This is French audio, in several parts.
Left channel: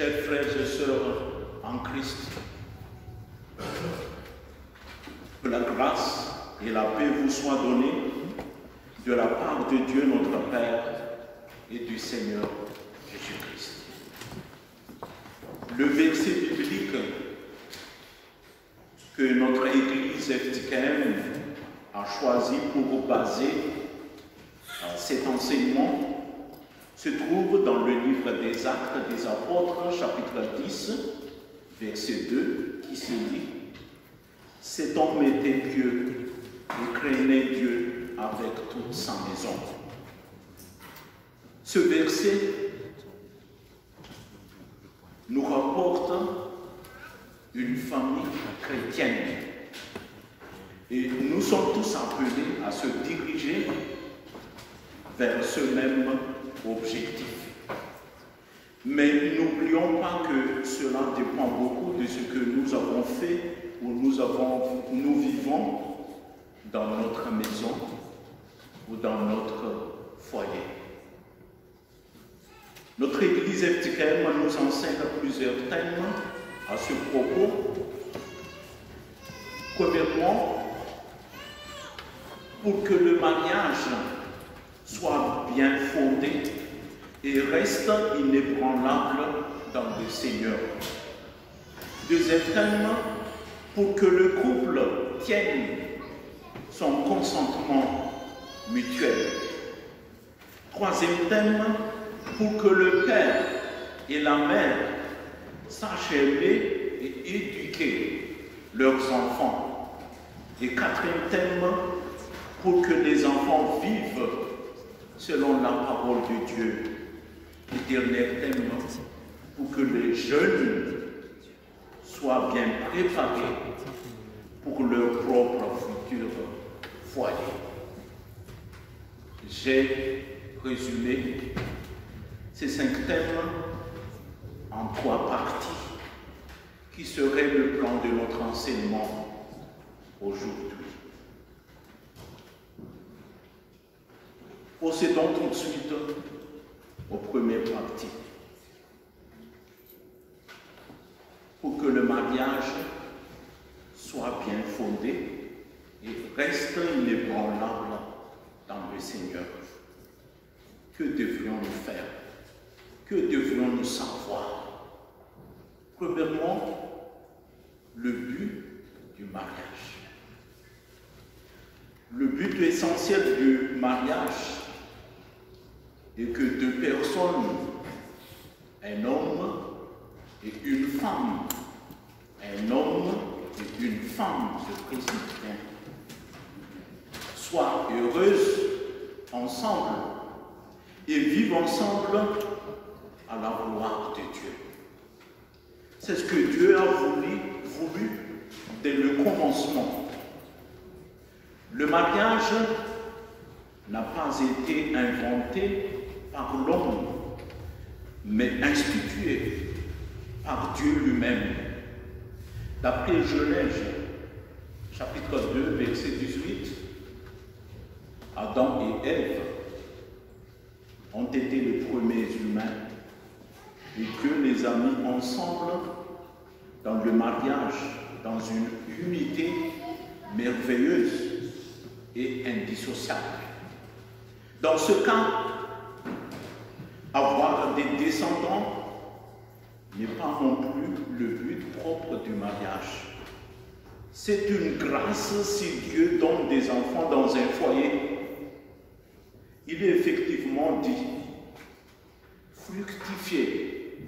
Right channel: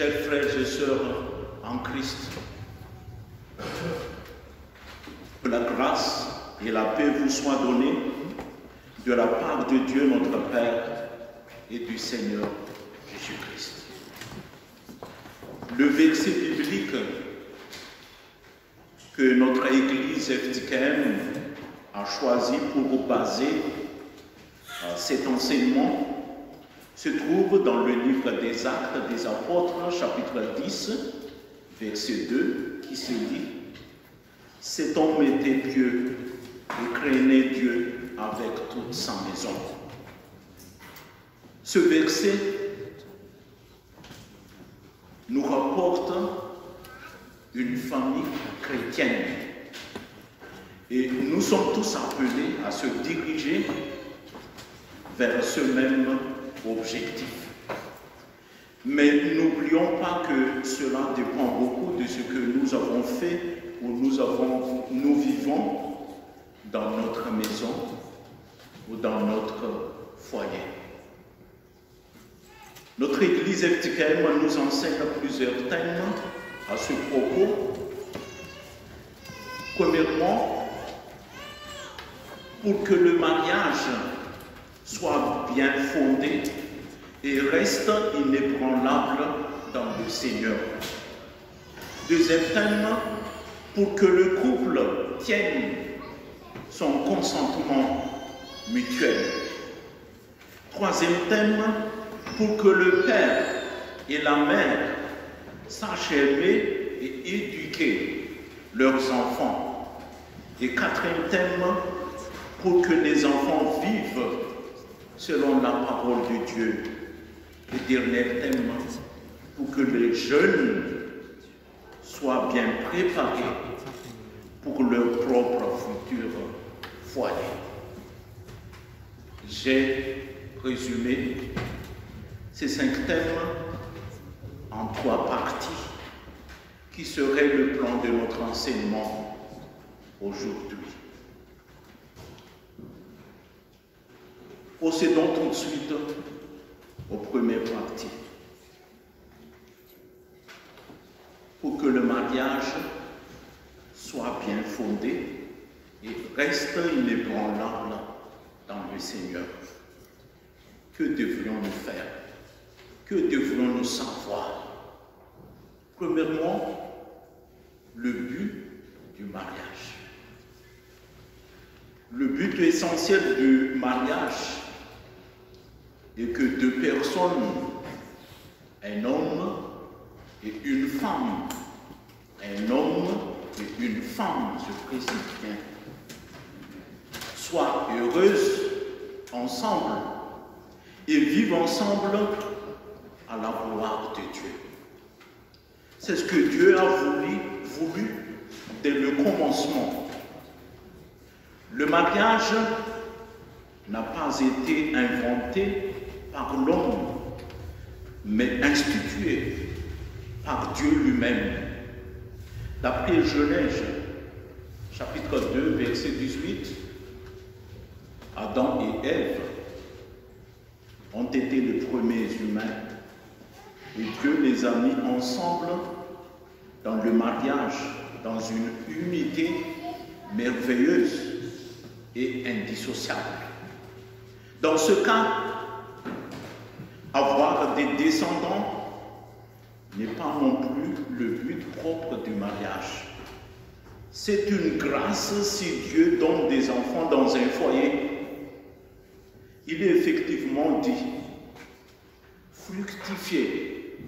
Chers frères et sœurs en Christ, que la grâce et la paix vous soient données de la part de Dieu notre Père et du Seigneur Jésus-Christ. Le verset biblique que notre Église FTKM a choisi pour baser cet enseignement se trouve dans le livre des Actes des Apôtres, chapitre 10, verset 2, qui se dit « Cet homme était pieux et craignait Dieu avec toute sa maison. » Ce verset nous rapporte une famille chrétienne et nous sommes tous appelés à se diriger vers ce même objectif. Mais n'oublions pas que cela dépend beaucoup de ce que nous avons fait ou nous vivons dans notre maison ou dans notre foyer. Notre Église FTKM nous enseigne plusieurs thèmes à ce propos. Premièrement, pour que le mariage soit bien fondé et reste inébranlable dans le Seigneur. Deuxième thème, pour que le couple tienne son consentement mutuel. Troisième thème, pour que le père et la mère sachent aimer et éduquer leurs enfants. Et quatrième thème, pour que les enfants vivent selon la parole de Dieu. Et dernier thème, pour que les jeunes soient bien préparés pour leur propre futur foyer. J'ai résumé ces 5 thèmes en 3 parties qui seraient le plan de notre enseignement aujourd'hui. Procédons tout de suite aux premières parties. Pour que le mariage soit bien fondé et reste inébranlable dans le Seigneur. Que devrions-nous faire? Que devrions-nous savoir? Premièrement, le but du mariage. Le but essentiel du mariage est que 2 personnes, un homme et une femme, je précise bien, soient heureuses ensemble et vivent ensemble à la gloire de Dieu. C'est ce que Dieu a voulu dès le commencement. Le mariage n'a pas été inventé par l'homme, mais institué par Dieu lui-même. D'après Genèse, chapitre 2, verset 18, Adam et Ève ont été les premiers humains et Dieu les a mis ensemble dans le mariage, dans une unité merveilleuse et indissociable. Dans ce cas, avoir des descendants n'est pas non plus le but propre du mariage. C'est une grâce si Dieu donne des enfants dans un foyer. Il est effectivement dit, fructifiez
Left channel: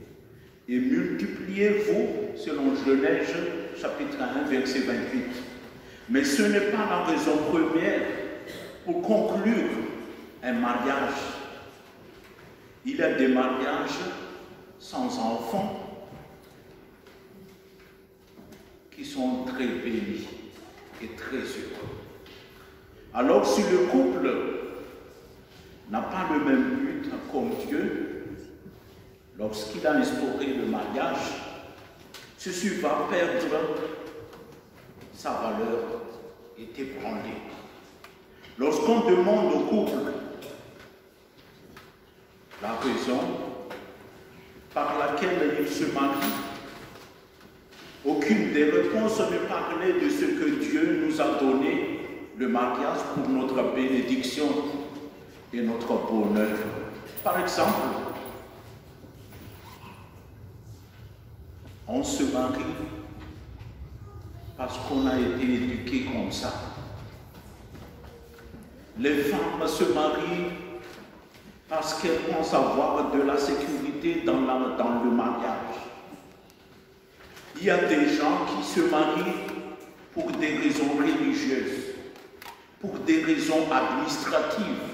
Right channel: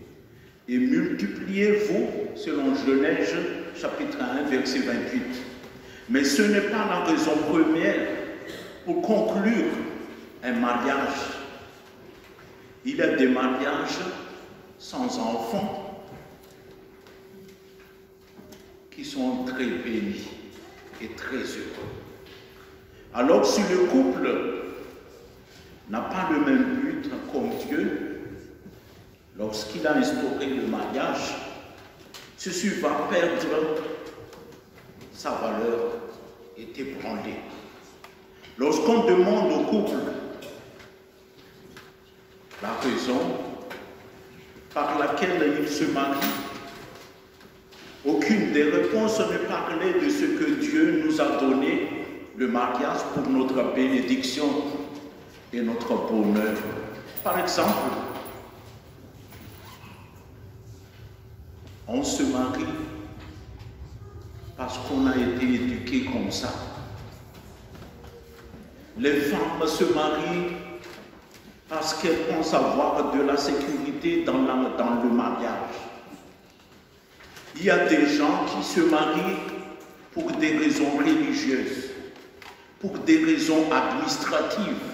et multipliez-vous, selon Genèse chapitre 1, verset 28. Mais ce n'est pas la raison première pour conclure un mariage. Il y a des mariages sans enfants qui sont très bénis et très heureux. Alors si le couple n'a pas le même but comme Dieu, lorsqu'il a instauré le mariage, ceci va perdre sa valeur est ébranlée. Lorsqu'on demande au couple la raison par laquelle ils se marient, aucune des réponses ne parlait de ce que Dieu nous a donné, le mariage, pour notre bénédiction et notre bonheur. Par exemple, on se marie parce qu'on a été éduqué comme ça. Les femmes se marient parce qu'elles pensent avoir de la sécurité dans le mariage. Il y a des gens qui se marient pour des raisons religieuses, pour des raisons administratives,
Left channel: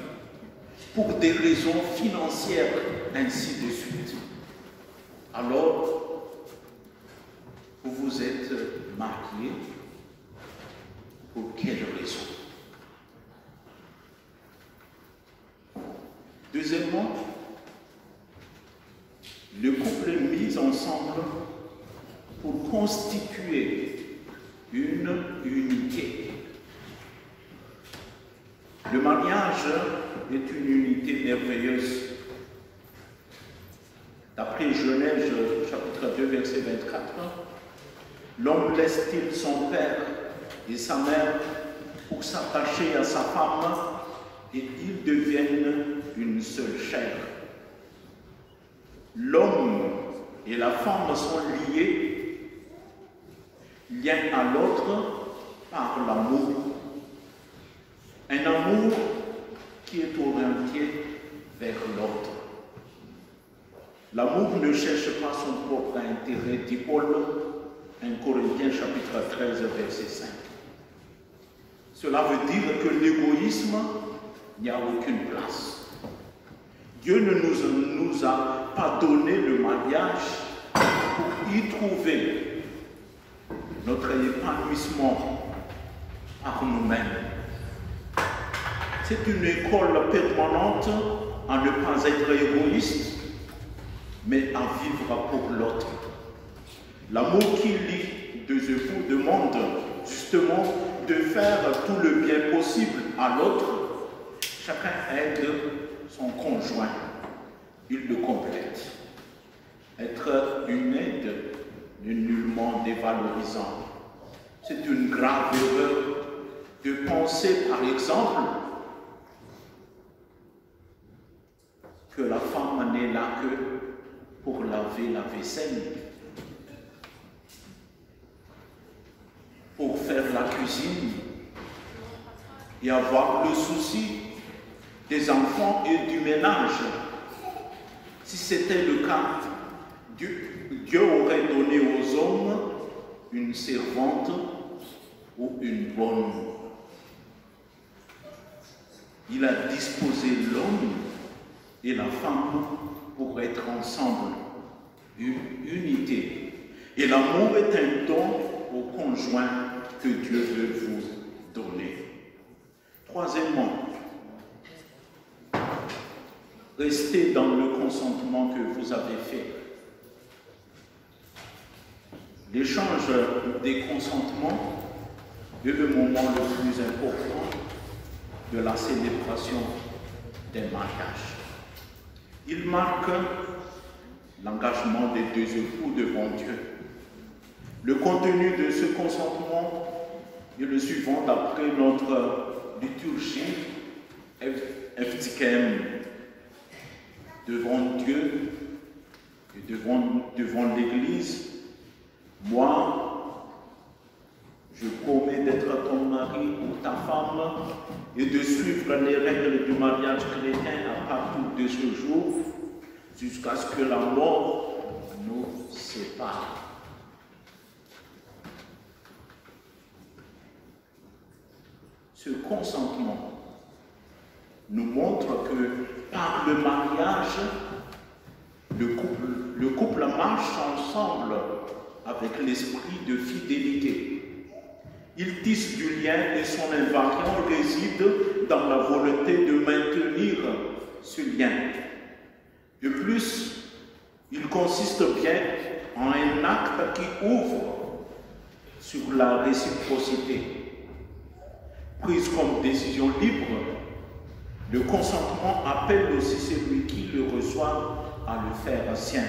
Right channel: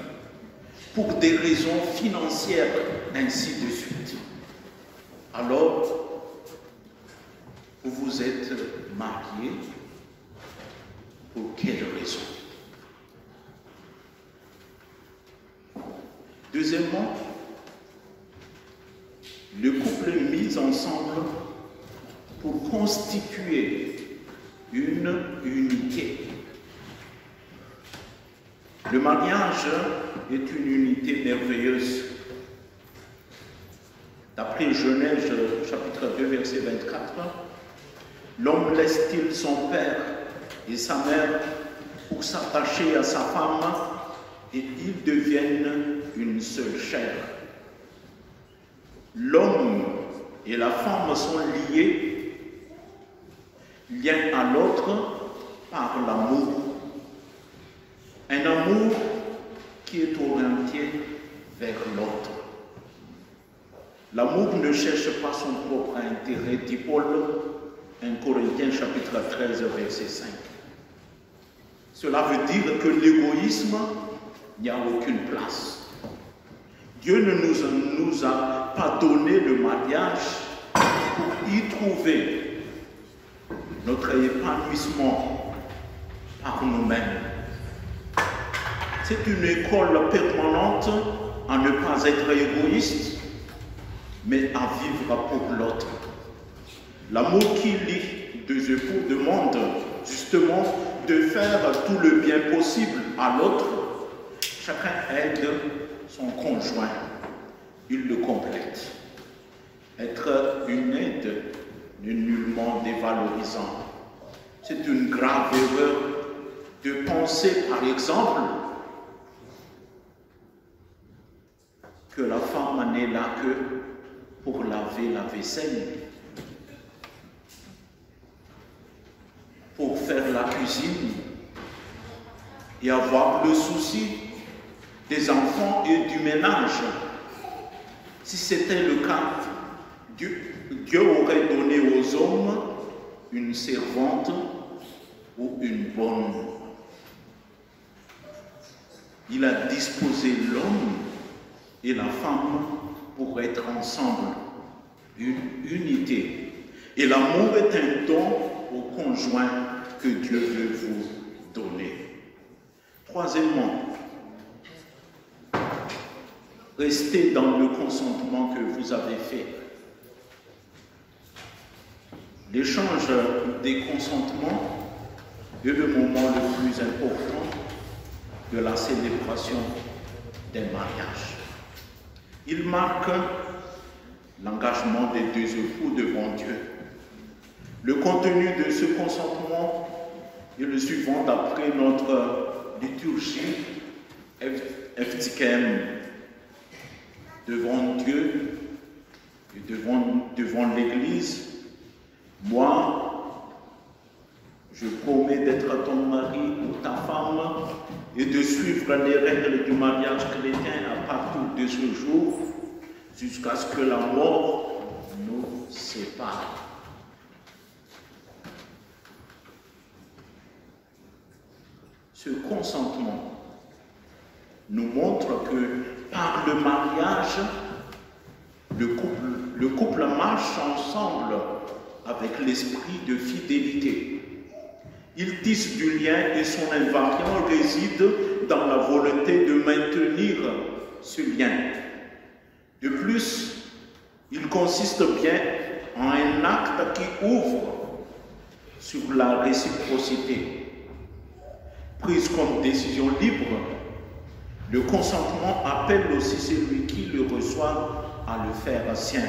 pour des raisons financières, ainsi de suite. Alors, vous vous êtes mariés pour quelle raison? Deuxièmement, le couple est mis ensemble pour constituer une unité. Le mariage est une unité merveilleuse. D'après Genèse, chapitre 2, verset 24, l'homme laisse-t-il son père et sa mère pour s'attacher à sa femme et ils deviennent une seule chair. L'homme et la femme sont liés l'un à l'autre par l'amour. Un amour qui est orienté vers l'autre. L'amour ne cherche pas son propre intérêt, dit Paul, 1 Corinthiens chapitre 13, verset 5. Cela veut dire que l'égoïsme n'y a aucune place. Dieu ne nous a pas donné le mariage pour y trouver notre épanouissement par nous-mêmes. C'est une école permanente à ne pas être égoïste, mais à vivre pour l'autre. L'amour qui lie deux époux demande justement de faire tout le bien possible à l'autre. Chacun aide son conjoint, il le complète. Être une aide n'est nullement dévalorisant. C'est une grave erreur de penser, par exemple, que la femme n'est là que pour laver la vaisselle, pour faire la cuisine et avoir le souci des enfants et du ménage. Si c'était le cas, Dieu aurait donné aux hommes une servante ou une bonne. Il a disposé l'homme et la femme pour être ensemble, une unité. Et l'amour est un don au conjoint que Dieu veut vous donner. Troisièmement, restez dans le consentement que vous avez fait. L'échange des consentements est le moment le plus important de la célébration des mariages. Il marque l'engagement des deux époux devant Dieu. Le contenu de ce consentement est le suivant d'après notre liturgie FTKM. Devant Dieu et devant l'Église, moi, je promets d'être ton mari ou ta femme et de suivre les règles du mariage chrétien à partir de ce jour jusqu'à ce que la mort nous sépare. Ce consentement nous montre que par le mariage, le couple marche ensemble avec l'esprit de fidélité. Il tisse du lien et son invariant réside dans la volonté de maintenir ce lien. De plus, il consiste bien en un acte qui ouvre sur la réciprocité. Prise comme décision libre, le consentement appelle aussi celui qui le reçoit à le faire sien.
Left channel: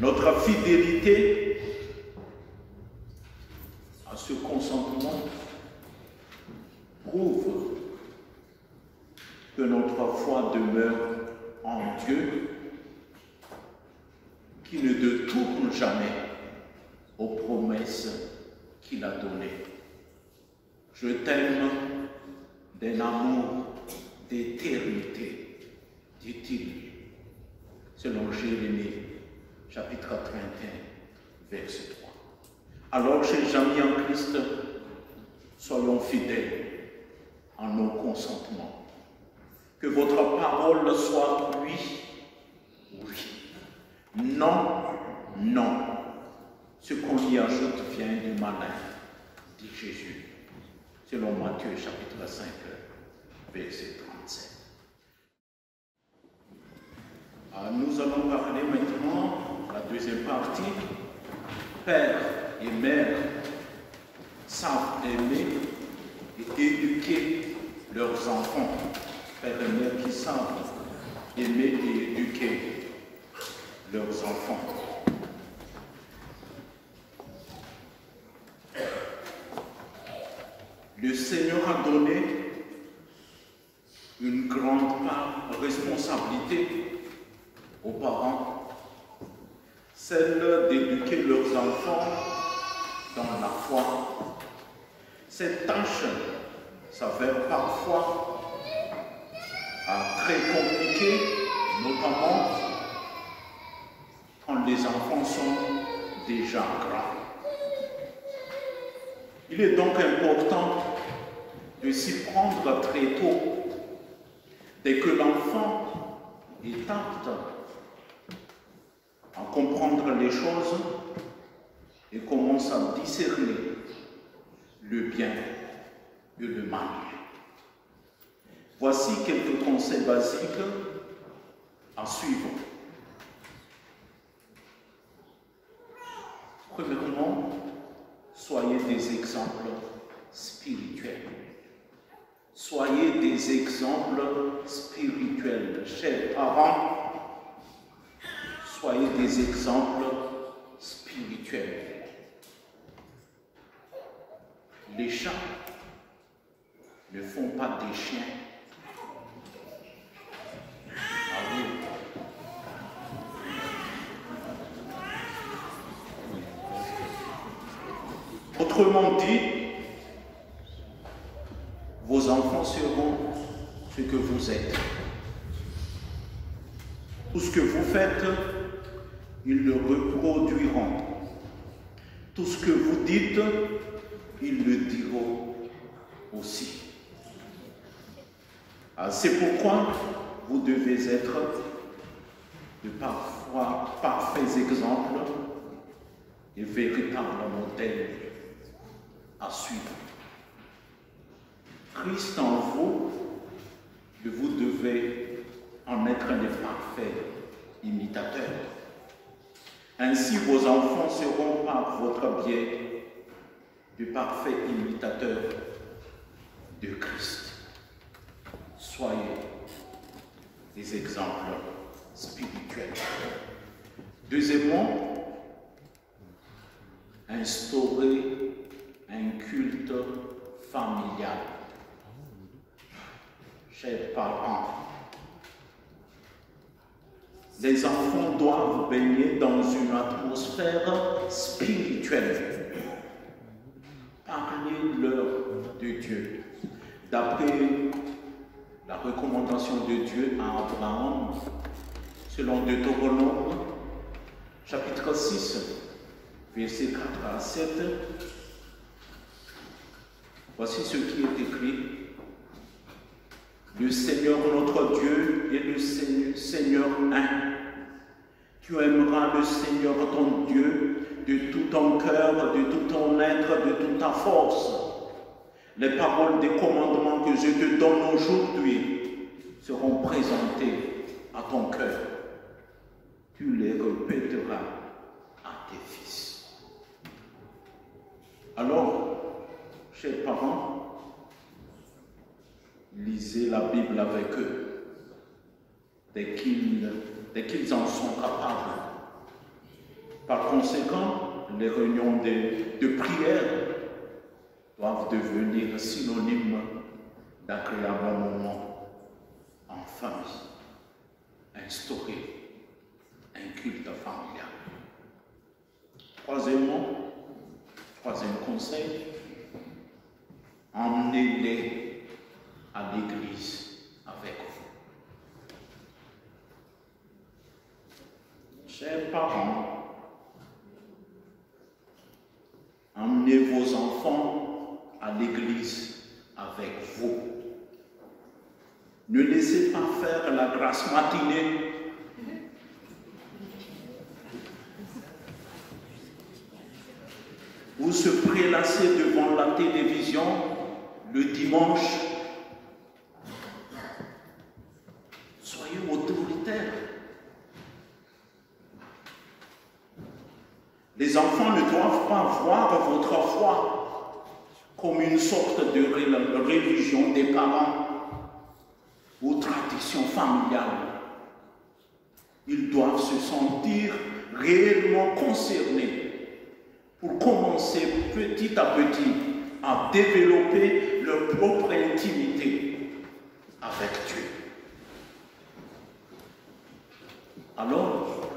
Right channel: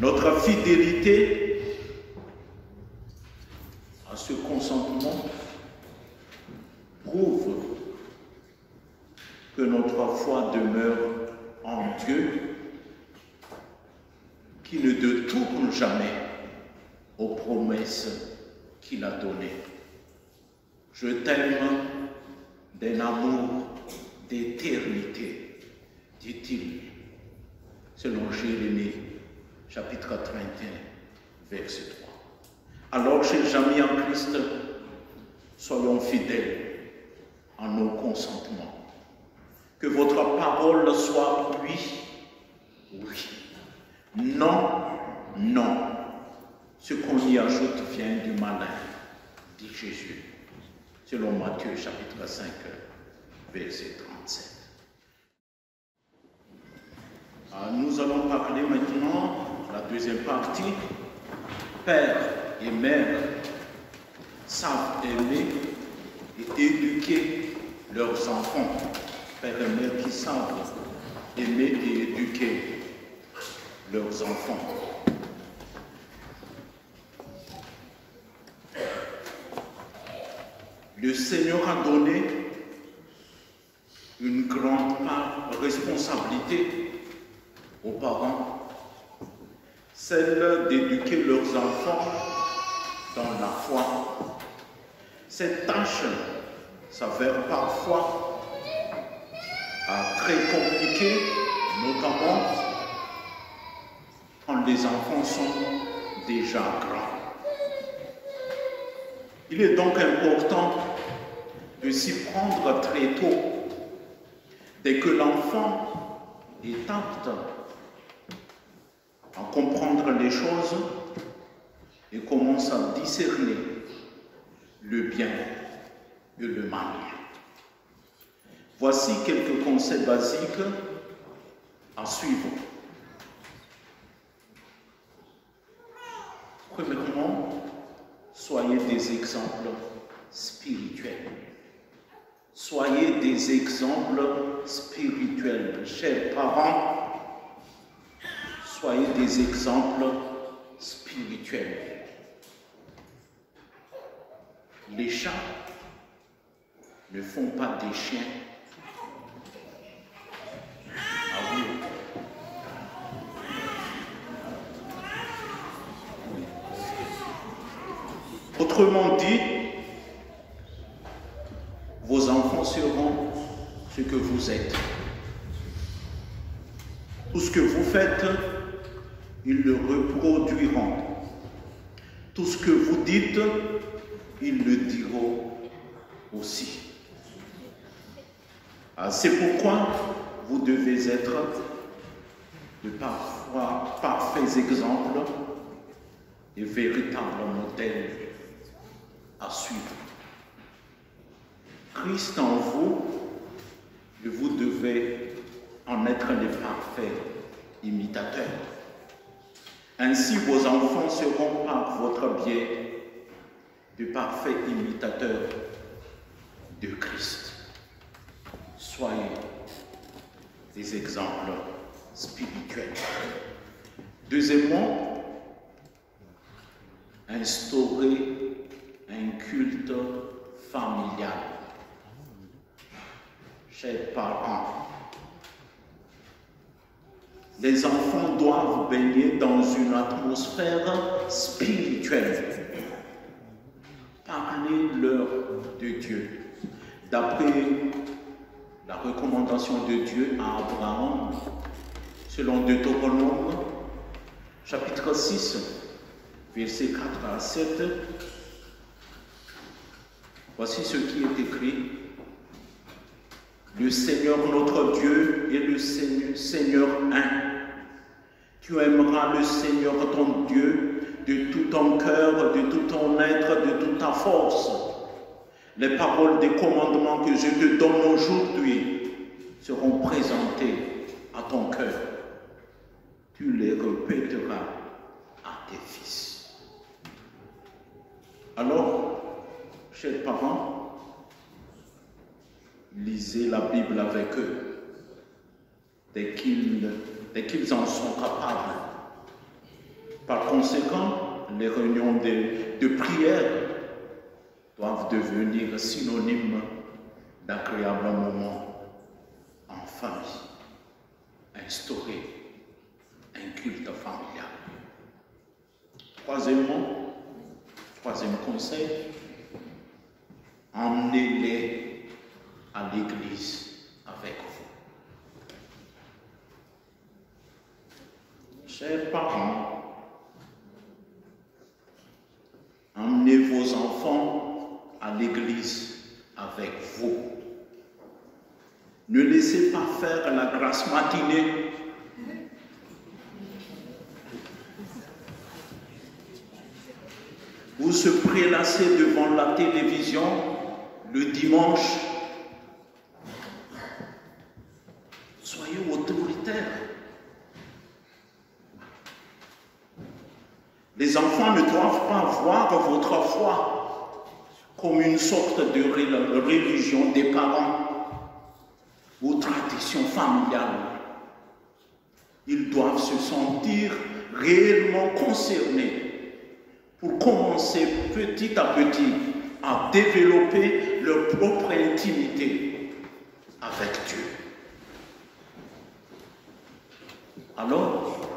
Notre fidélité à ce consentement prouve que notre foi demeure en Dieu, qui ne détourne jamais aux promesses qu'il a données. Je t'aime d'un amour d'éternité, dit-il, selon Jérémie, chapitre 31, verset 3. Alors, chers amis en Christ, soyons fidèles en nos consentements. Que votre parole soit oui, oui. Non, non. Ce qu'on y ajoute vient du malin, dit Jésus, selon Matthieu chapitre 5, verset 37. Nous allons parler maintenant, la deuxième partie, père et mère savent aimer et éduquer leurs enfants. Père et mère qui savent aimer et éduquer leurs enfants. Le Seigneur a donné une grande part de responsabilité aux parents, celle d'éduquer leurs enfants dans la foi. Cette tâche s'avère parfois très compliquée, notamment quand les enfants sont déjà grands. Il est donc important de s'y prendre très tôt, dès que l'enfant est apte à comprendre les choses et commence à discerner le bien et le mal. Voici quelques conseils basiques à suivre. Premièrement, soyez des exemples spirituels. Soyez des exemples spirituels. Chers parents, soyez des exemples spirituels. Les chats ne font pas des chiens. Ah oui. Autrement dit, vos enfants seront ce que vous êtes. Tout ce que vous faites, ils le reproduiront. Tout ce que vous dites, ils le diront aussi. C'est pourquoi vous devez être de parfaits exemples et véritables modèles à suivre. Christ en vous, et vous devez en être les parfaits imitateurs. Ainsi, vos enfants seront par votre biais de parfaits imitateurs de Christ. Soyez des exemples spirituels. Deuxièmement, instaurer un culte familial. Chers parents, les enfants doivent baigner dans une atmosphère spirituelle. Parlez-leur de Dieu. D'après la recommandation de Dieu à Abraham, selon Deutéronome, chapitre 6, versets 4 à 7, voici ce qui est écrit. Le Seigneur notre Dieu est le Seigneur un. Tu aimeras le Seigneur ton Dieu de tout ton cœur, de tout ton être, de toute ta force. Les paroles des commandements que je te donne aujourd'hui seront présentées à ton cœur. Tu les répéteras à tes fils. Alors, chers parents, lisez la Bible avec eux dès qu'ils en sont capables. par conséquent, les réunions de prière doivent devenir synonymes d'agréables moments en famille. Instaurer un culte familial. Troisième conseil, emmenez-les à l'église avec vous. Chers parents, emmenez vos enfants à l'église avec vous. Ne laissez pas faire la grasse matinée. Vous se prélassez devant la télévision le dimanche. Soyez autoritaires. Les enfants ne doivent pas voir votre foi comme une sorte de religion des parents ou tradition familiale. Ils doivent se sentir réellement concernés pour commencer petit à petit à développer leur propre intimité avec Dieu. Alors,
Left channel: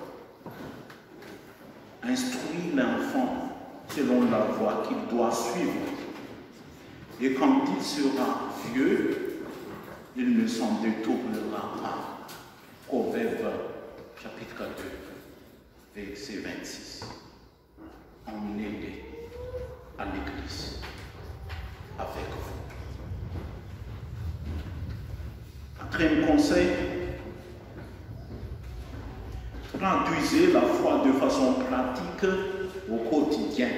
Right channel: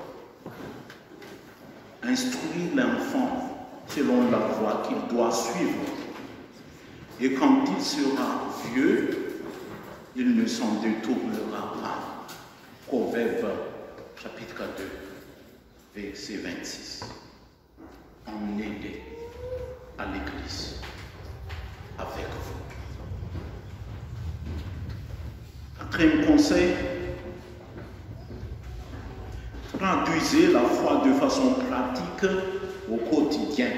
instruire l'enfant selon la voie qu'il doit suivre. Et quand il sera vieux, il ne s'en détournera pas. Proverbe chapitre 2, verset 26. Emmenez-les à l'église avec vous. Quatrième conseil, traduisez la foi de façon pratique au quotidien.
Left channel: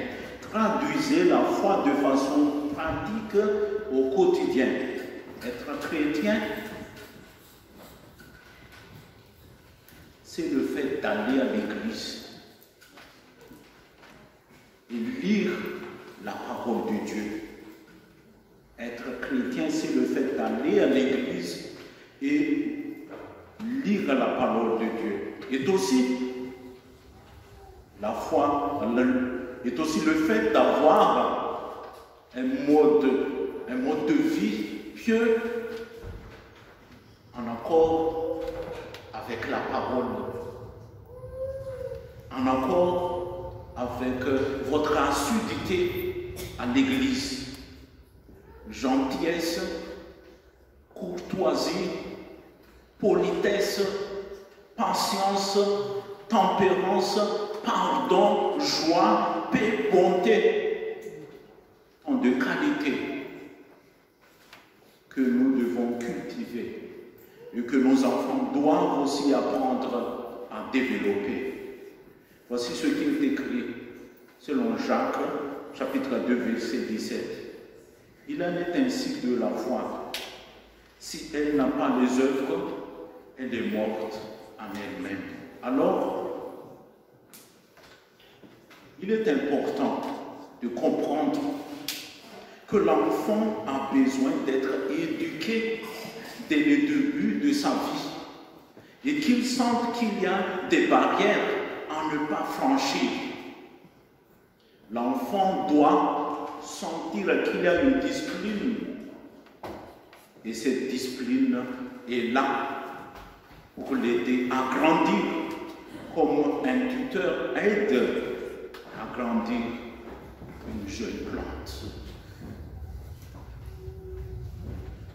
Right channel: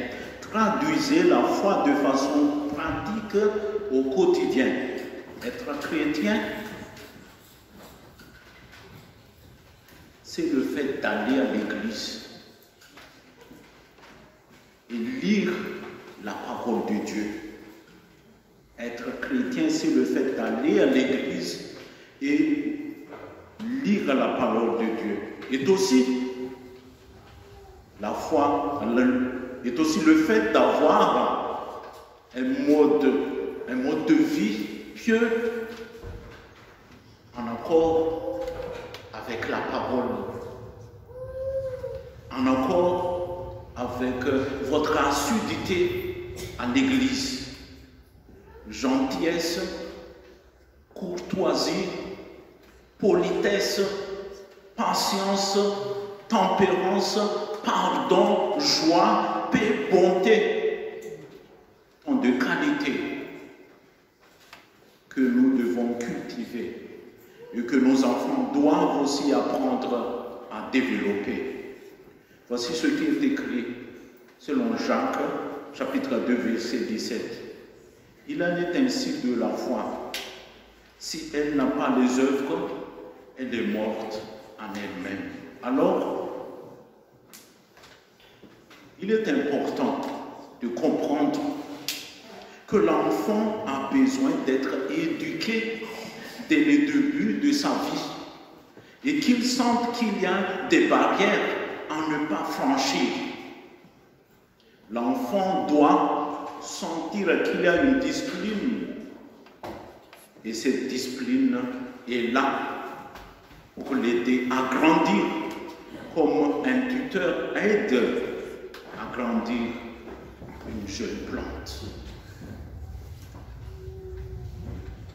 Traduisez la foi de façon pratique au quotidien. Être chrétien, c'est le fait d'aller à l'église et lire la parole de Dieu. Être chrétien, c'est le fait d'aller à l'église et lire la parole de Dieu. Et aussi, la foi est aussi le fait d'avoir un mode de vie pieux en accord avec la parole, en accord avec votre assiduité à l'église. Gentillesse, courtoisie, politesse, patience, tempérance, pardon, joie, paix, bonté, tant de qualités que nous devons cultiver et que nos enfants doivent aussi apprendre à développer. Voici ce qui est écrit selon Jacques, chapitre 2, verset 17. Il en est ainsi de la foi. Si elle n'a pas les œuvres, elle est morte en elle-même. Alors, il est important de comprendre que l'enfant a besoin d'être éduqué dès le début de sa vie et qu'il sente qu'il y a des barrières à ne pas franchir. L'enfant doit sentir qu'il y a une discipline et cette discipline est là pour l'aider à grandir comme un tuteur aide à grandir une jeune plante.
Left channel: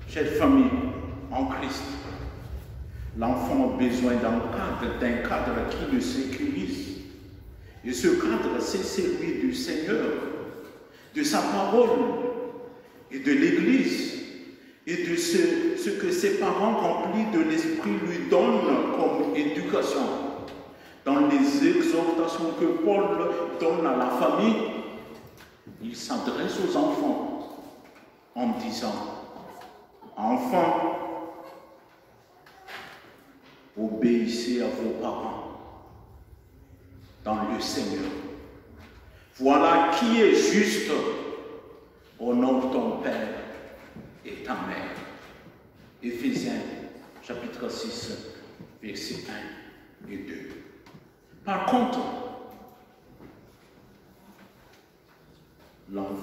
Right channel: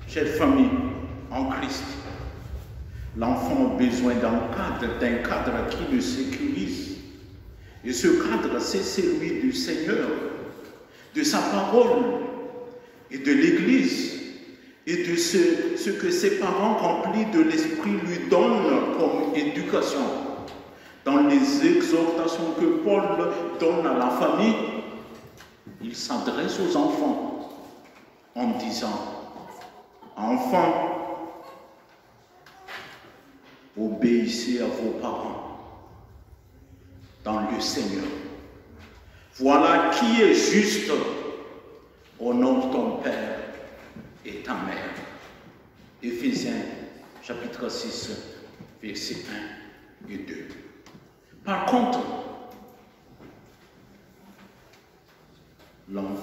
Chère famille en Christ, l'enfant a besoin d'un cadre qui le sécurise. Et ce cadre, c'est celui du Seigneur, de sa parole et de l'Église et de ce que ses parents remplis de l'Esprit lui donnent comme éducation. Dans les exhortations que Paul donne à la famille, il s'adresse aux enfants en disant « Enfants, obéissez à vos parents dans le Seigneur. Voilà qui est juste. Honore ton Père et ta mère. » Éphésiens chapitre 6, versets 1 et 2. Par contre,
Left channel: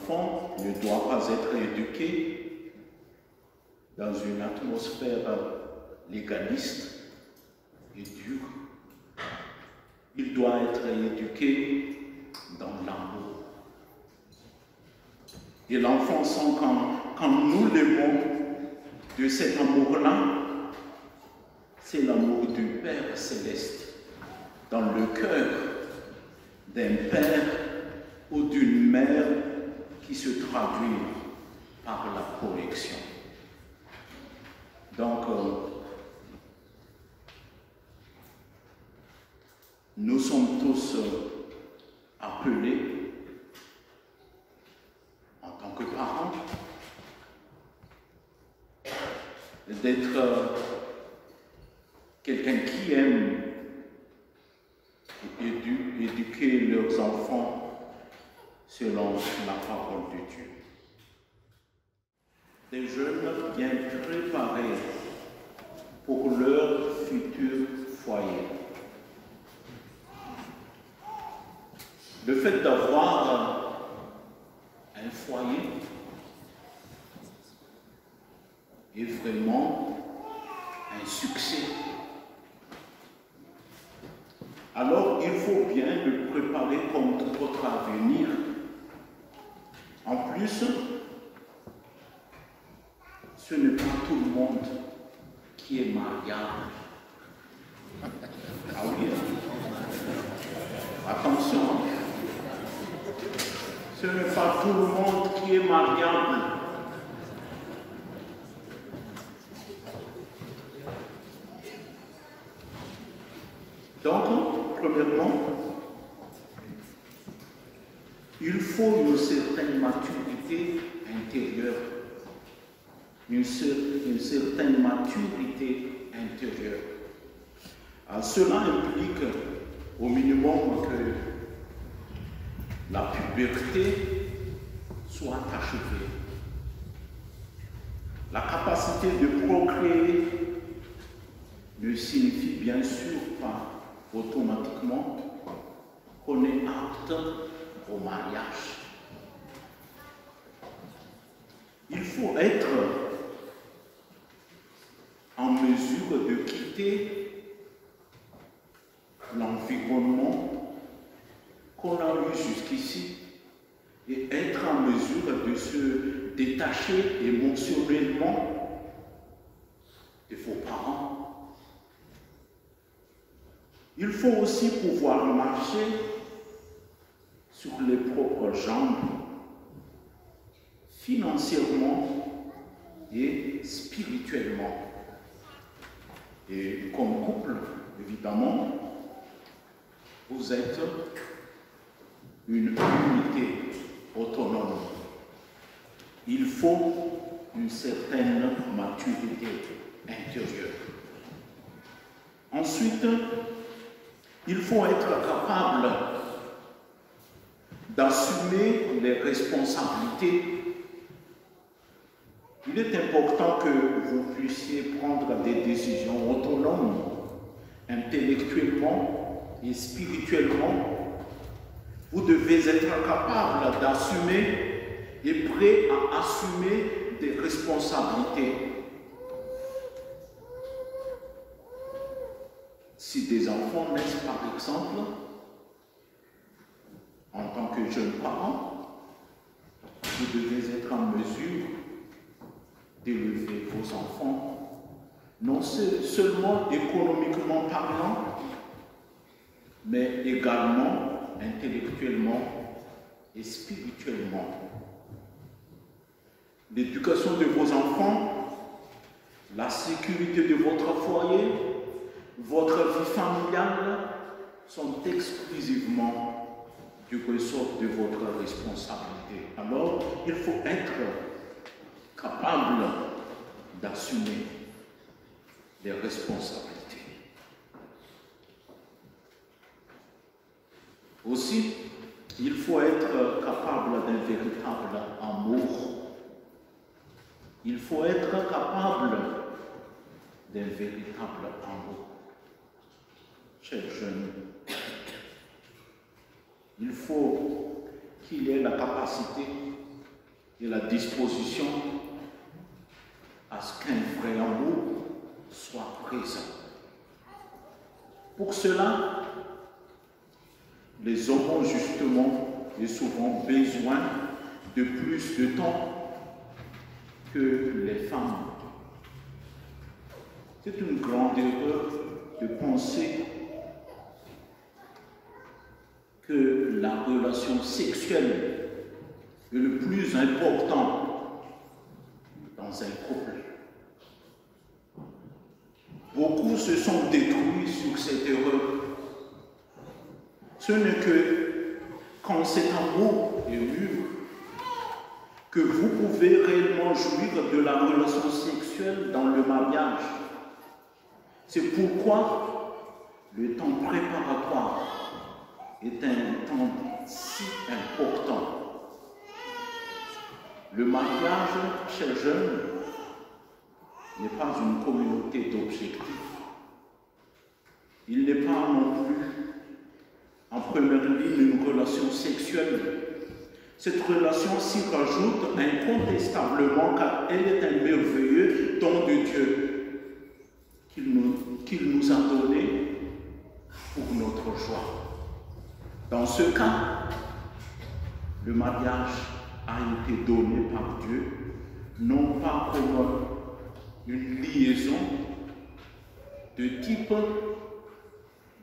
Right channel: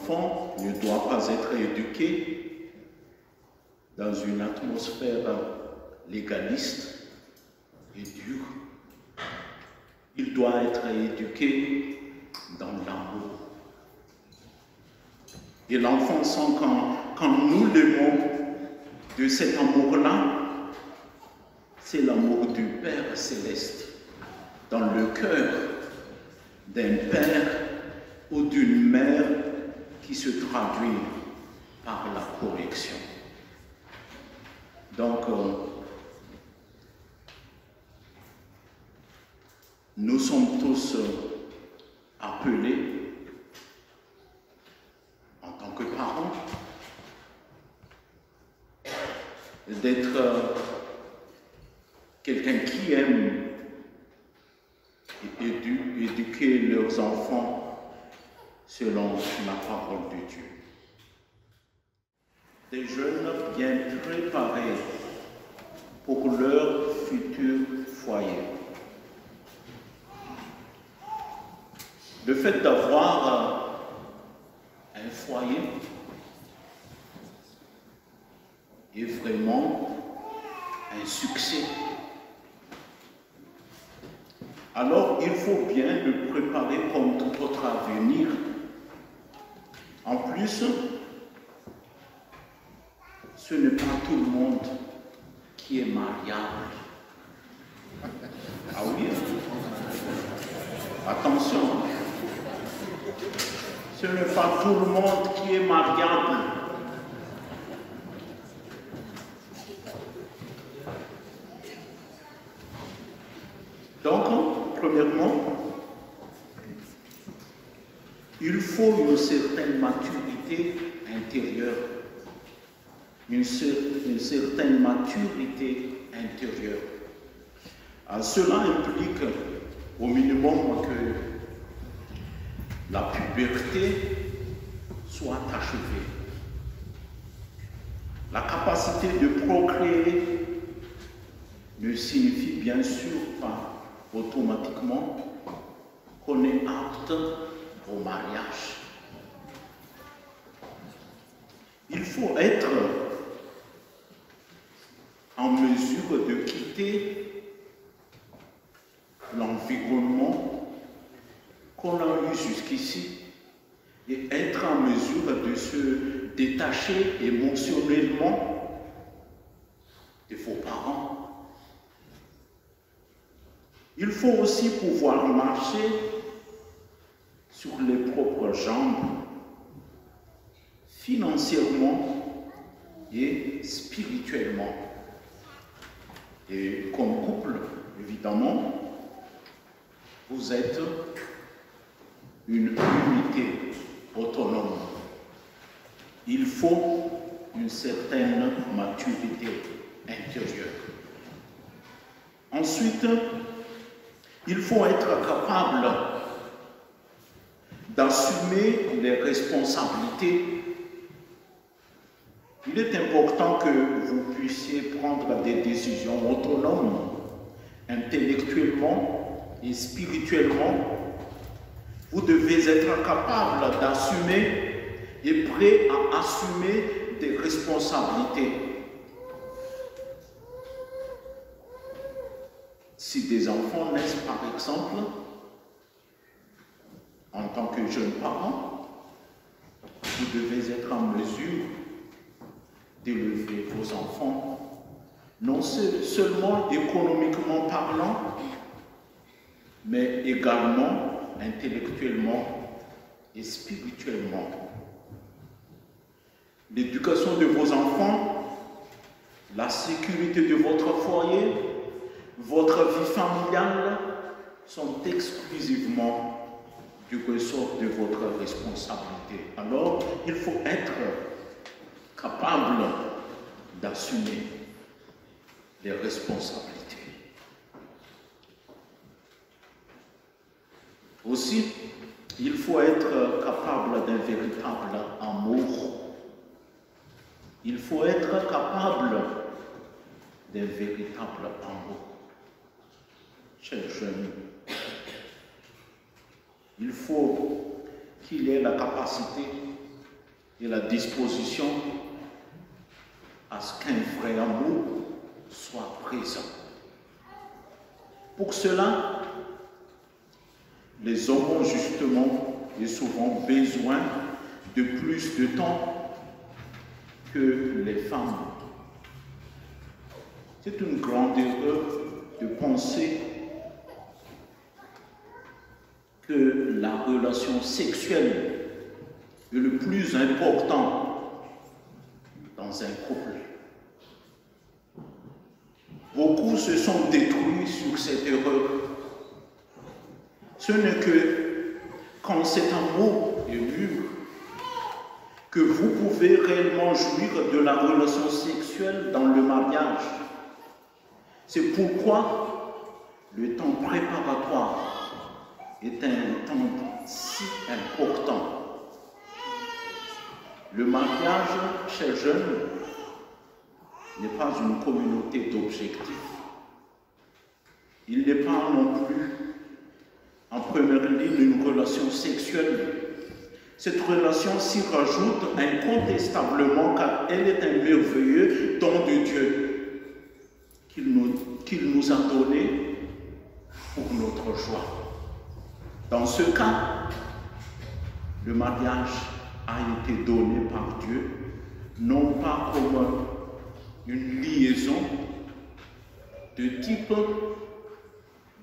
enfant ne doit pas être éduqué dans une atmosphère légaliste et dure. Il doit être éduqué dans l'amour. Et l'enfant sent quand nous l'aimons de cet amour-là, c'est l'amour du Père céleste dans le cœur d'un père ou d'une mère qui se traduit par la correction. Donc, nous sommes tous appelés, en tant que parents, d'être quelqu'un qui aime et éduquer leurs enfants selon la parole de Dieu. Des jeunes bien préparés pour leur futur foyer. Le fait d'avoir un foyer est vraiment un succès. Alors, il faut bien le préparer comme tout autre avenir. En plus, ce n'est pas tout le monde qui est mariable. Ah oui, attention. Ce n'est pas tout le monde qui est mariable. Donc, premièrement, il faut une certaine maturité intérieure. Une certaine maturité intérieure. Cela implique au minimum que la puberté soit achevée. La capacité de procréer ne signifie bien sûr pas automatiquement qu'on est apte au mariage. Il faut être en mesure de quitter l'environnement qu'on a eu jusqu'ici et être en mesure de se détacher émotionnellement de vos parents. Il faut aussi pouvoir marcher sur les propres jambes, financièrement et spirituellement. Et comme couple, évidemment, vous êtes une unité autonome. Il faut une certaine maturité intérieure. Ensuite, il faut être capable d'assumer les responsabilités. Il est important que vous puissiez prendre des décisions autonomes, intellectuellement et spirituellement. Vous devez être capable d'assumer et prêt à assumer des responsabilités. Si des enfants naissent par exemple, en tant que jeune parent, vous devez être en mesure d'élever vos enfants, non seulement économiquement parlant, mais également intellectuellement et spirituellement. L'éducation de vos enfants, la sécurité de votre foyer, votre vie familiale sont exclusivement du ressort de votre responsabilité. Alors, il faut être capable d'assumer les responsabilités. Aussi, il faut être capable d'un véritable amour. Il faut être capable d'un véritable amour. Chers jeunes, il faut qu'il ait la capacité et la disposition à ce qu'un vrai amour soit présent. Pour cela, les hommes ont justement et souvent besoin de plus de temps que les femmes. C'est une grande erreur de penser que la relation sexuelle est le plus important dans un couple. Beaucoup se sont détruits sur cette erreur. Ce n'est que quand cet amour est mûr que vous pouvez réellement jouir de la relation sexuelle dans le mariage. C'est pourquoi le temps préparatoire est un temps si important. Le mariage, chers jeunes, n'est pas une communauté d'objectifs. Il n'est pas non plus, en première ligne, une relation sexuelle. Cette relation s'y rajoute incontestablement car elle est un merveilleux don de Dieu qu'il nous a donné pour notre joie. Dans ce cas, le mariage a été donné par Dieu, non pas comme une liaison de type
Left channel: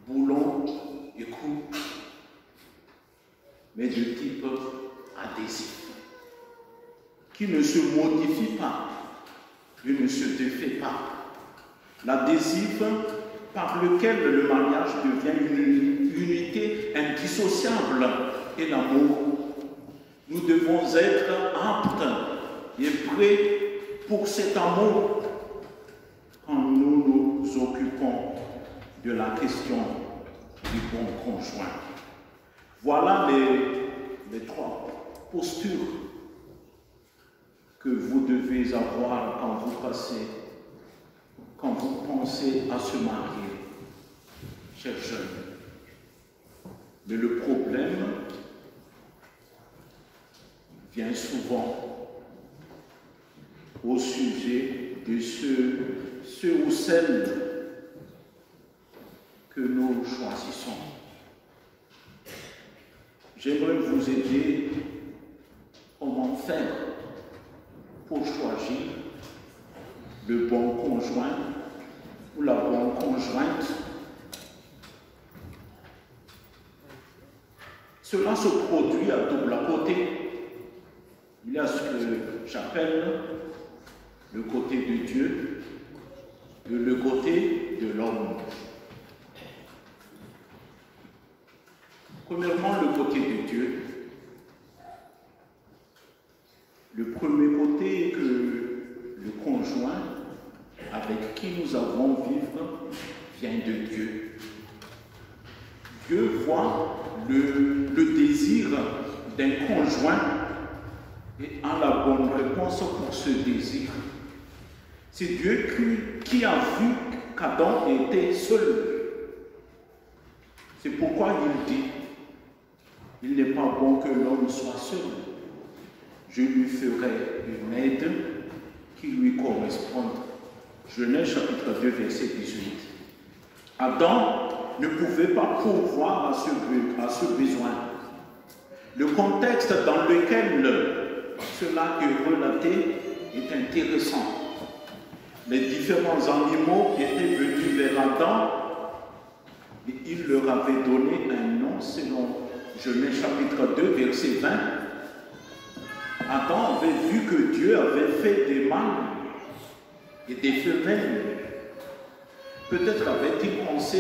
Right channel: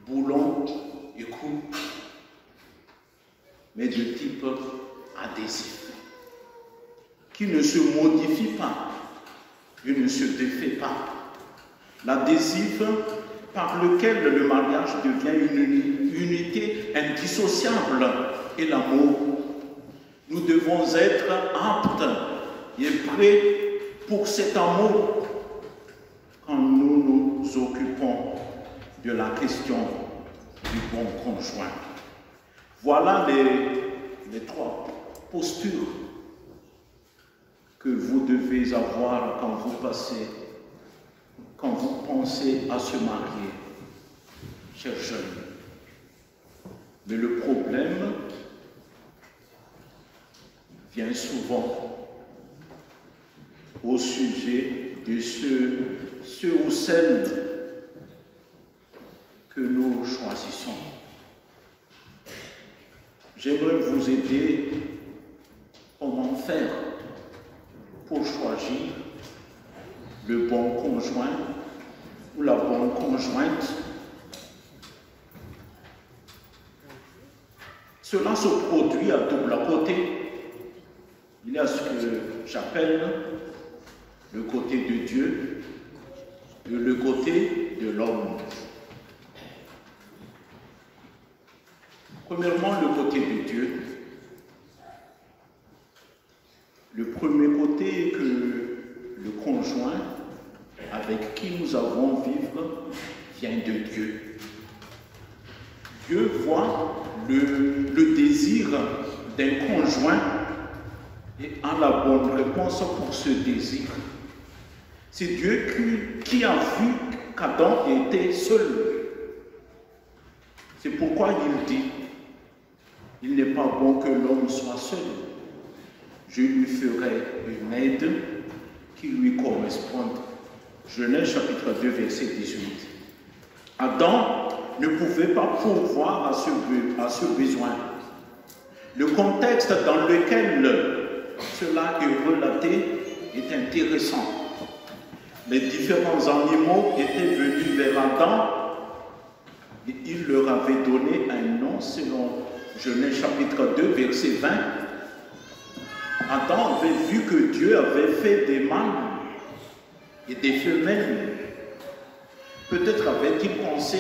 boulon et cou, mais de type adhésif, qui ne se modifie pas et ne se défait pas. L'adhésif par lequel le mariage devient une unité indissociable est l'amour. Nous devons être aptes et prêts pour cet amour quand nous nous occupons de la question du bon conjoint. Voilà les trois postures que vous devez avoir quand vous pensez à se marier, chers jeunes. Mais le problème vient souvent au sujet de ceux ou celles que nous choisissons. J'aimerais vous aider comment faire pour choisir le bon conjoint ou la bonne conjointe. Cela se produit à double côté. Il y a ce que j'appelle le côté de Dieu et le côté de l'homme. Premièrement, le côté de Dieu. Le premier côté est que le conjoint avec qui nous allons vivre vient de Dieu. Dieu voit le désir d'un conjoint et a la bonne réponse pour ce désir. C'est Dieu qui a vu qu'Adam était seul. C'est pourquoi il dit, il n'est pas bon que l'homme soit seul. Je lui ferai une aide qui lui corresponde. Genèse chapitre 2, verset 18. Adam ne pouvait pas pourvoir à ce besoin. Le contexte dans lequel cela est relaté est intéressant. Les différents animaux étaient venus vers Adam et il leur avait donné un nom selon Genèse chapitre 2, verset 20. Adam avait vu que Dieu avait fait des mâles et des femelles. Peut-être avait-il pensé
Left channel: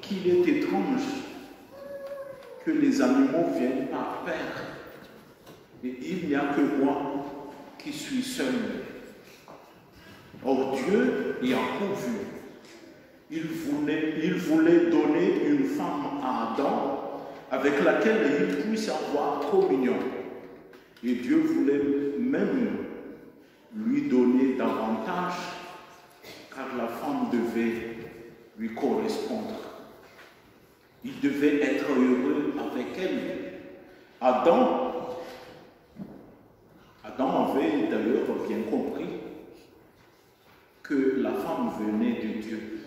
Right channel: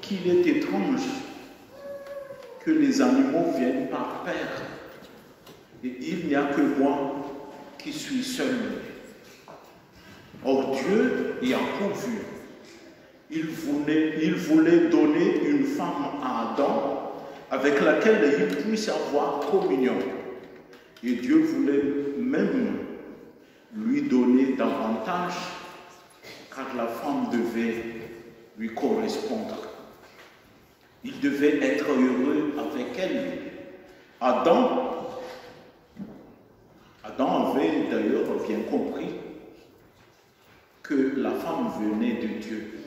qu'il est étrange que les animaux viennent par paire et il n'y a que moi qui suis seul. Or Dieu y a pourvu. Il voulait donner une femme à Adam avec laquelle il puisse avoir communion. Et Dieu voulait même lui donner davantage car la femme devait lui correspondre. Il devait être heureux avec elle. Adam avait d'ailleurs bien compris que la femme venait de Dieu.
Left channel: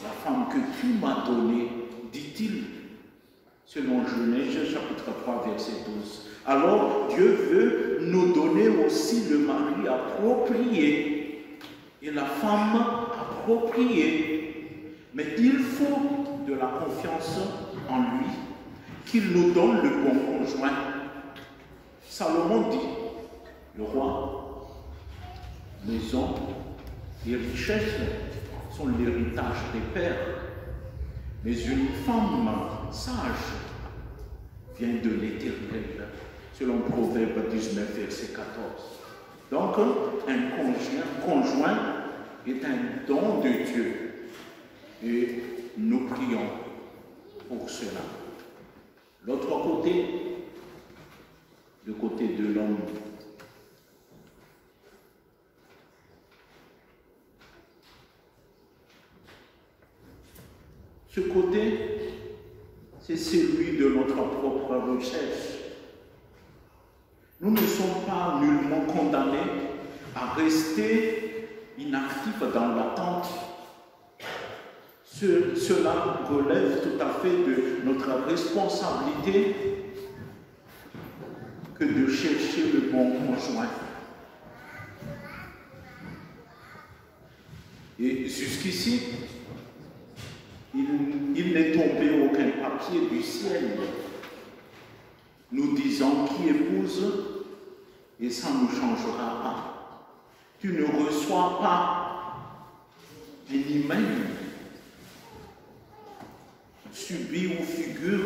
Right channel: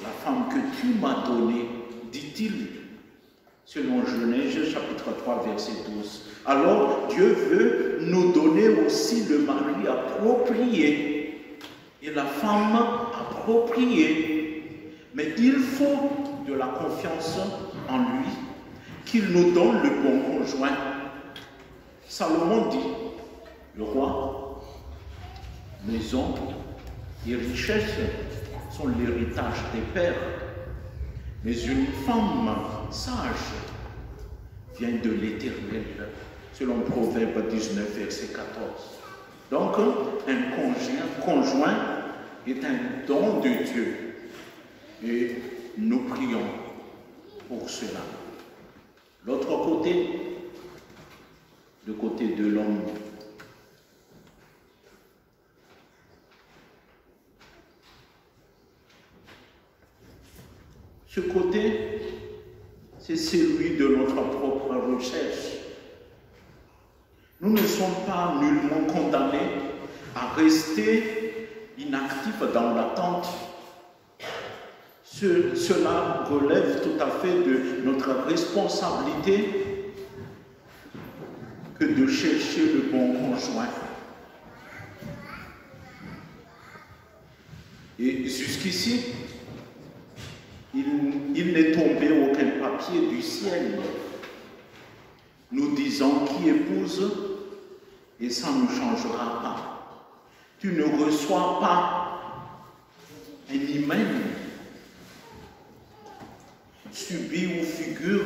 La femme que tu m'as donnée, dit-il, selon Genèse chapitre 3, verset 12. Alors Dieu veut nous donner aussi le mari approprié et la femme appropriée. Mais il faut de la confiance en lui, qu'il nous donne le bon conjoint. Salomon dit, le roi, maison et richesse sont l'héritage des pères, mais une femme sage vient de l'Éternel, selon Proverbe 19, verset 14. Donc, un conjoint est un don de Dieu, et nous prions pour cela. L'autre côté, le côté de l'homme, ce côté, c'est celui de notre propre recherche. Nous ne sommes pas nullement condamnés à rester inactifs dans l'attente. Cela relève tout à fait de notre responsabilité que de chercher le bon conjoint. Et jusqu'ici, il n'est tombé aucun papier du ciel nous disant qui épouse, et ça ne changera pas. Tu ne reçois pas un email subit ou figure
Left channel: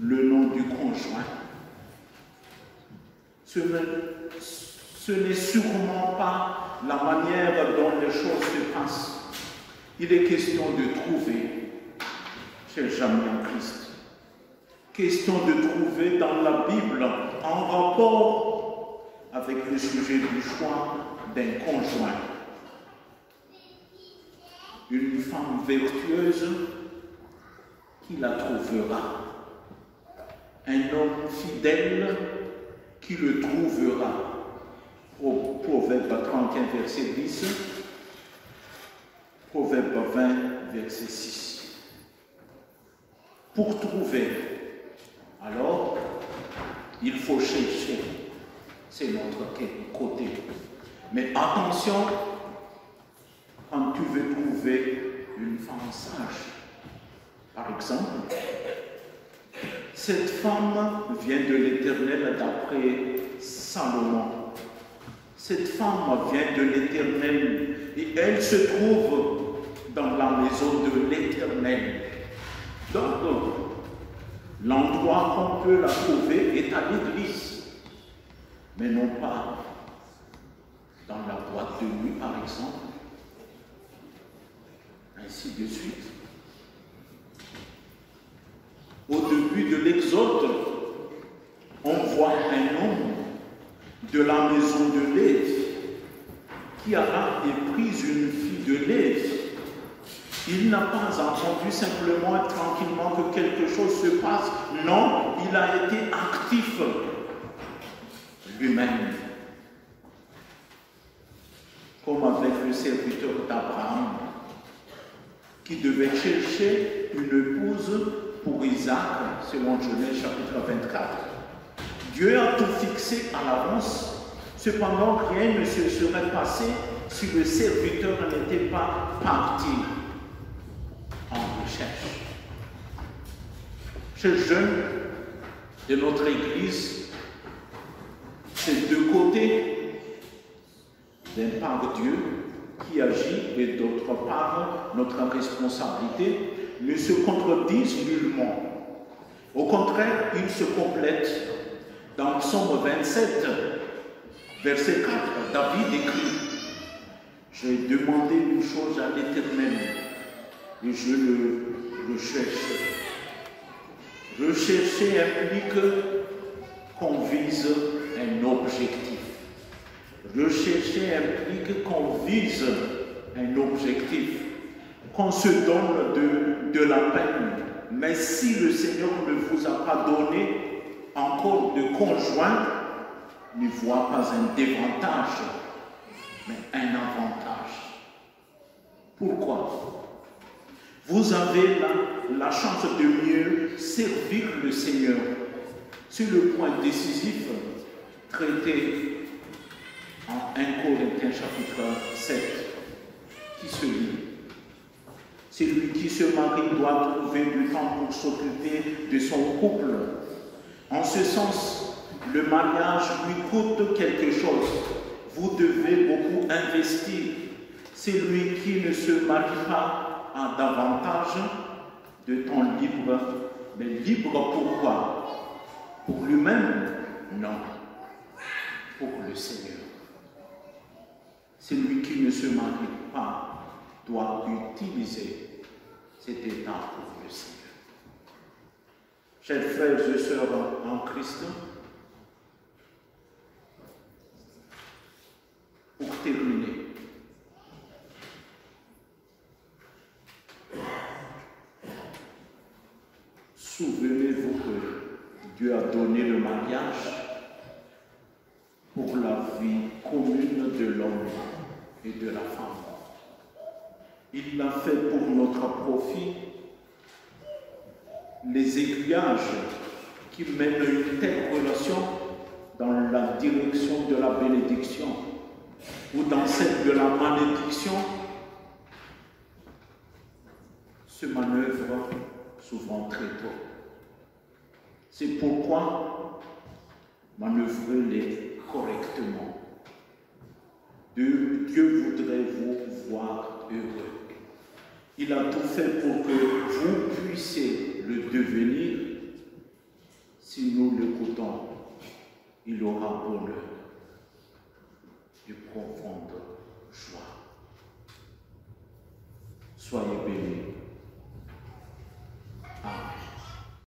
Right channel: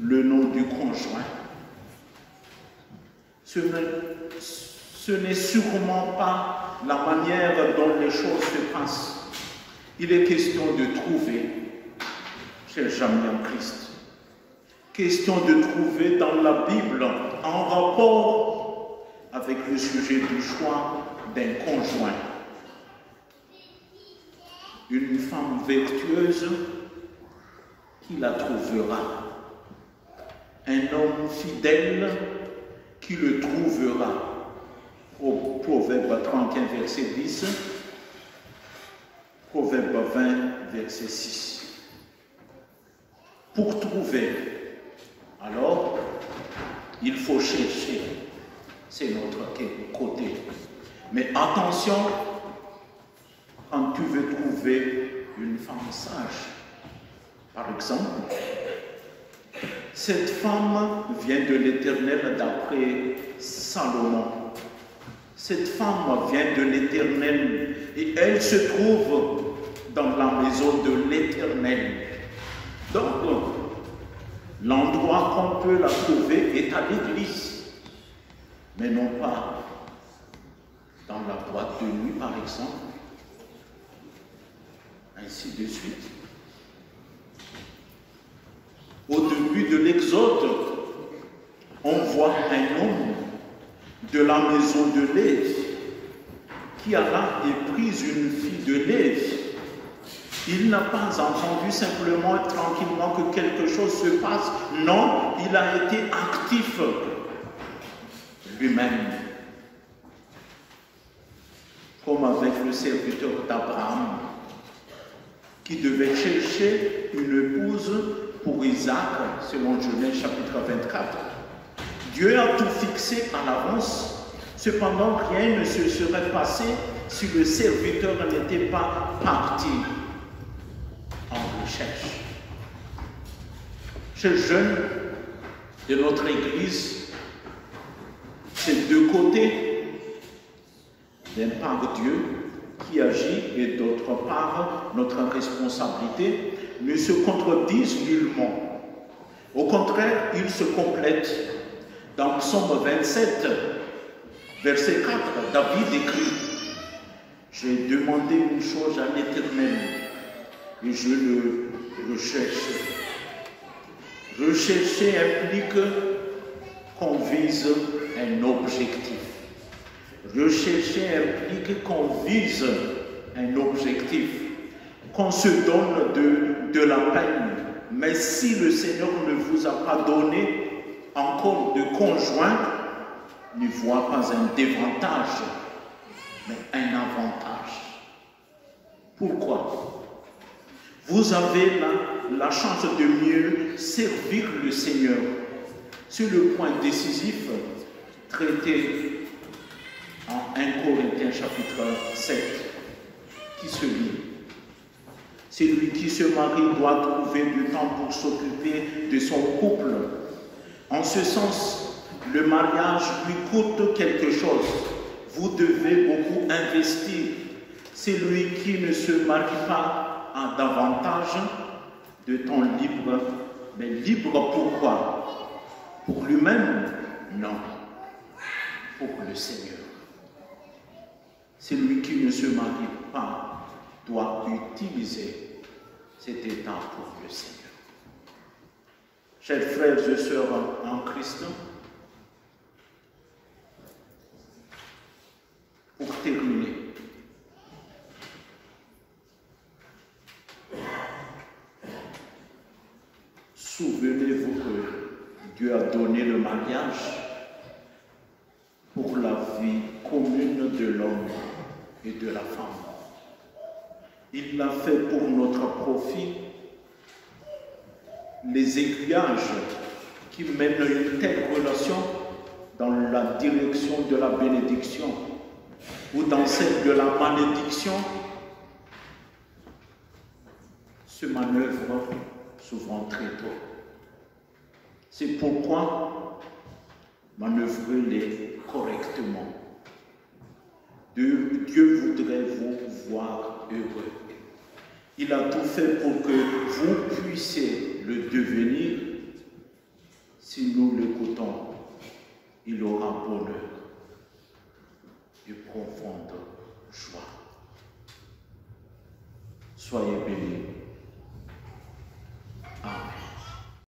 le nom du conjoint. Ce n'est sûrement pas la manière dont les choses se passent. Il est question de trouver, chers amis en Christ, question de trouver dans la Bible en rapport avec le sujet du choix d'un conjoint. Une femme vertueuse qui la trouvera. Un homme fidèle qui le trouvera. Au Proverbe 31, verset 10, Proverbe 20, verset 6. Pour trouver, alors, il faut chercher. C'est notre côté. Mais attention, quand tu veux trouver une femme sage, par exemple, cette femme vient de l'Éternel d'après Salomon. Cette femme vient de l'Éternel et elle se trouve dans la maison de l'Éternel. Donc, l'endroit qu'on peut la trouver est à l'église, mais non pas dans la boîte de nuit, par exemple, ainsi de suite. Au début de l'Exode, on voit un homme de la maison de Lévi qui alla et prise une fille de Lévi. Il n'a pas entendu simplement tranquillement que quelque chose se passe. Non, il a été actif lui-même. Comme avec le serviteur d'Abraham qui devait chercher une épouse pour Isaac, selon Genèse chapitre 24. Dieu a tout fixé à l'avance, cependant rien ne se serait passé si le serviteur n'était pas parti en recherche. Ces jeunes de notre Église, ces deux côtés, d'un part Dieu qui agit et d'autre part notre responsabilité, ne se contredisent nullement. Au contraire, ils se complètent. Dans Psaume 27, verset 4, David écrit « J'ai demandé une chose à l'Éternel et je le recherche. » Rechercher implique qu'on vise un objectif. Rechercher implique qu'on vise un objectif, qu'on se donne de la peine. Mais si le Seigneur ne vous a pas donné encore de conjoint, ne voit pas un désavantage, mais un avantage. Pourquoi? Vous avez la chance de mieux servir le Seigneur. C'est le point décisif traité en 1 Corinthiens chapitre 7 qui se lit. Celui qui se marie doit trouver du temps pour s'occuper de son couple. En ce sens, le mariage lui coûte quelque chose. Vous devez beaucoup investir. Celui qui ne se marie pas a davantage de temps libre. Mais libre pourquoi? Pour lui-même? Non. Pour le Seigneur. Celui qui ne se marie pas doit utiliser cet état pour le Seigneur. Chers frères et sœurs en Christ, pour terminer, souvenez-vous que Dieu a donné le mariage pour la vie commune de l'homme et de la femme. Il l'a fait pour notre profit. Les aiguillages qui mènent une telle relation dans la direction de la bénédiction ou dans celle de la malédiction se manœuvrent souvent très tôt. C'est pourquoi manœuvrez-les correctement. Dieu voudrait vous voir heureux. Il a tout fait pour que vous puissiez le devenir. Si nous l'écoutons, il aura bonheur et profonde joie. Soyez bénis.